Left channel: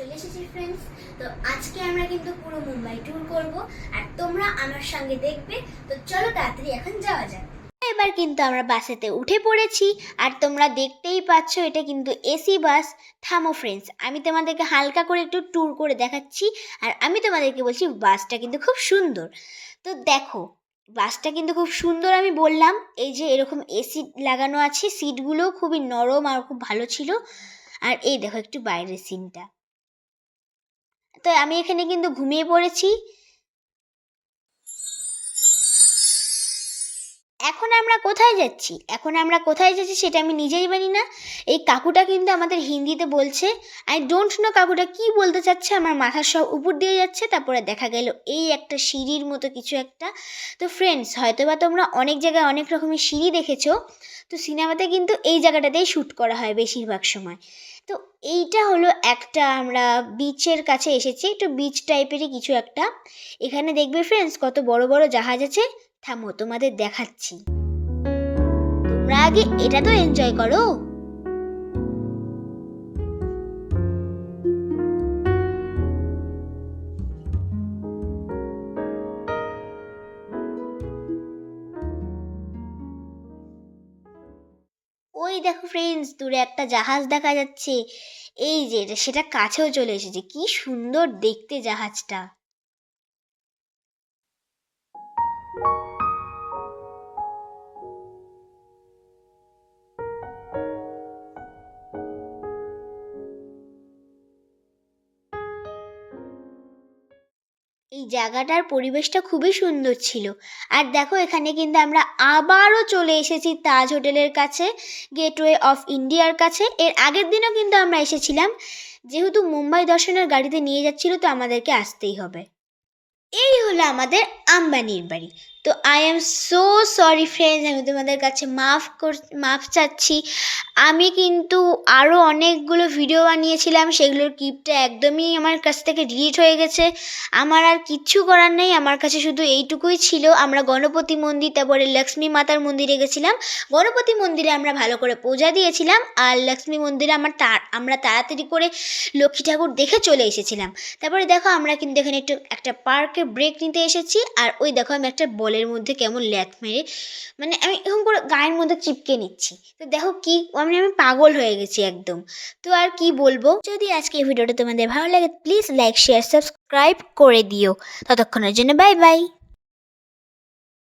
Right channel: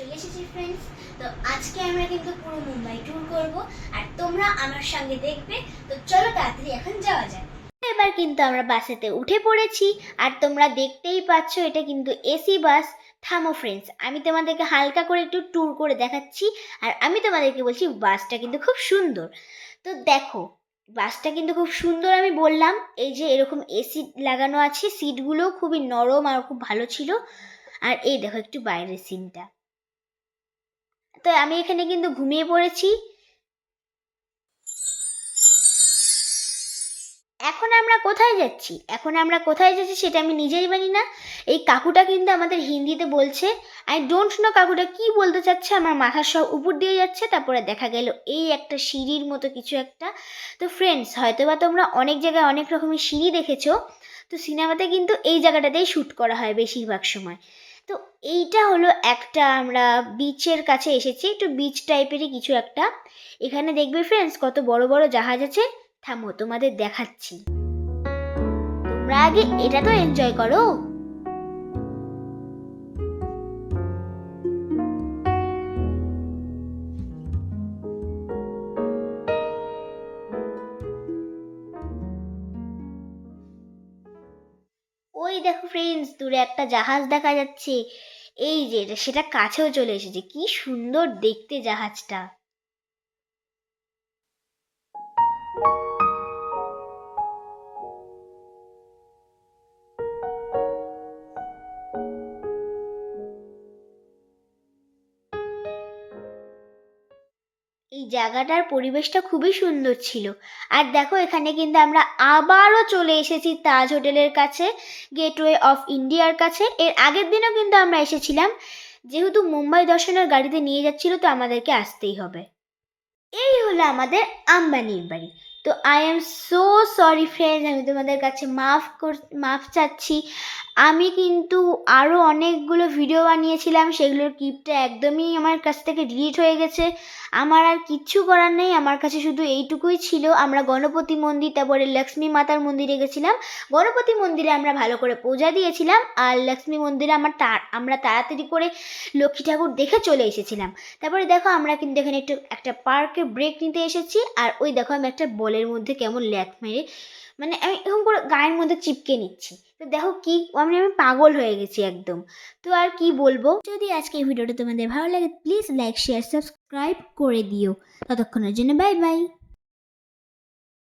চলে এসেছি ফ্রেন্ডস। তো আজকে আমরা কিন্তু পুরো মুম্বাই ট্যুর করব আর তোমরা আমার সঙ্গে দেখবে। তো চলো তাড়াতাড়ি এখন যাওয়া যায়। এবার কিন্তু আমরা বাসেতে উঠে পড়েছি আর তোমরা দেখতেই পাচ্ছ এটা কিন্তু এসি বাস। থামো ফ্রেন্ডস, আমি তোমাদেরকে হালকা করে একটু ট্যুর করে দেখাচ্ছি আর আমি তোমাদেরকে বলছি বাসটা কিন্তু খুব সুন্দর। তো দেখো বাসটা কিন্তু খুব সুন্দর, আমি বললাম এই যে এরকম এসি লাগানো আছে, সিটগুলোও খুবই নরম আর খুব ভালো ছিল। আর এই দেখো একটু বাইরের সিনটা। তো আমি এখানে কিন্তু ঘুমিয়ে পড়েছি। এখন আমরা কোথায় যাচ্ছি সেটা আমি নিজেই জানি না। এই কাকুটা কিন্তু আমাদের হিন্দিতে বলছে, আই ডোন্ট নো কাকুটা কি বলতে চাচ্ছে, আমার মাথার সব উপর দিয়ে যাচ্ছে। তারপরে দেখা গেল এই একটা সিঁড়ির মতো কিছু একটা। তো ফ্রেন্ডস, হয়তো বা তোমরা অনেক জায়গায় অনেক রকমের সিঁড়ি দেখেছো, তো সিনেমাতে কিন্তু এই জায়গাটাতেই শ্যুট করা হয় বেশিরভাগ সময়। তো এইটা হলো একটা, আমরা বিচের কাছে এসেছি, একটু বিচ টাইপেরই কিছু একটা। এখানে দেখবে ফ্রেন্ডস কত বড় বড় জাহাজ আছে। থামো তোমাদের দেখাচ্ছি, তোমরা আগে এটা তো এনজয় করো। ওই দেখো ফ্রেন্ডস, দূরে একটা জাহাজ দেখা যাচ্ছে। এই যে সেটা কাছেও চলে এসেছে, কি সুন্দর দেখতে জাহাজটা। এই জায়গাটার পরিবেশটা খুবই সুন্দর ছিল। আর দেখো এখানে কিন্তু আমরা আবারও চলে এসেছি তাজ হোটেলের কাছে, গেটওয়ে অফ ইন্ডিয়ার কাছে। এর আগের দিনও কিন্তু আমরা এসেছিলাম, যেহেতু মুম্বাই দর্শনের গাড়িতে নিয়ে যাচ্ছিল তো আমাদেরকে আসতেই হবে। এই হলো আমাদের আম্বানির বাড়ি। তো I am so sorry friends, আমি তোমাদের কাছে মাফ চাচ্ছি। আমি কিন্তু আরও অনেকগুলো ভিডিও বানিয়েছিলাম, সেগুলোর ক্লিপটা একদমই আমার কাছ থেকে ডিলিট হয়ে গেছে। আমার আর কিচ্ছু করার নেই, আমার কাছে শুধু এইটুকুই ছিল। আমরা গণপতি মন্দির, তারপরে লক্ষ্মী মাতার মন্দিরে গেছিলাম। গণপতি মন্দিরে আমরা ভালো করে পূজা দিয়েছিলাম, আর লক্ষ্মী মন্দিরে আমরা তাড়াতাড়ি করে লক্ষ্মী ঠাকুর দেখে চলে এসেছিলাম। তারপরে দেখো আমরা কিন্তু এখানে একটা পার্কে ব্রেক নিতে এসেছি। আর ওই দেখো আমি একটা বলের মধ্যে কেমন ল্যাথ মেরে, মানে আমি এরকম করে গায়ের মধ্যে চিপকে নিচ্ছি। তো দেখো কি আমি পাগল হয়ে গেছি একদম। তো আর কি বলবো, যদি আজকে এই ভিডিওটা তোমাদের ভালো লাগে প্লিজ লাইক শেয়ার সাবস্ক্রাইব করে দিও। ততক্ষণের জন্য বাই বাই।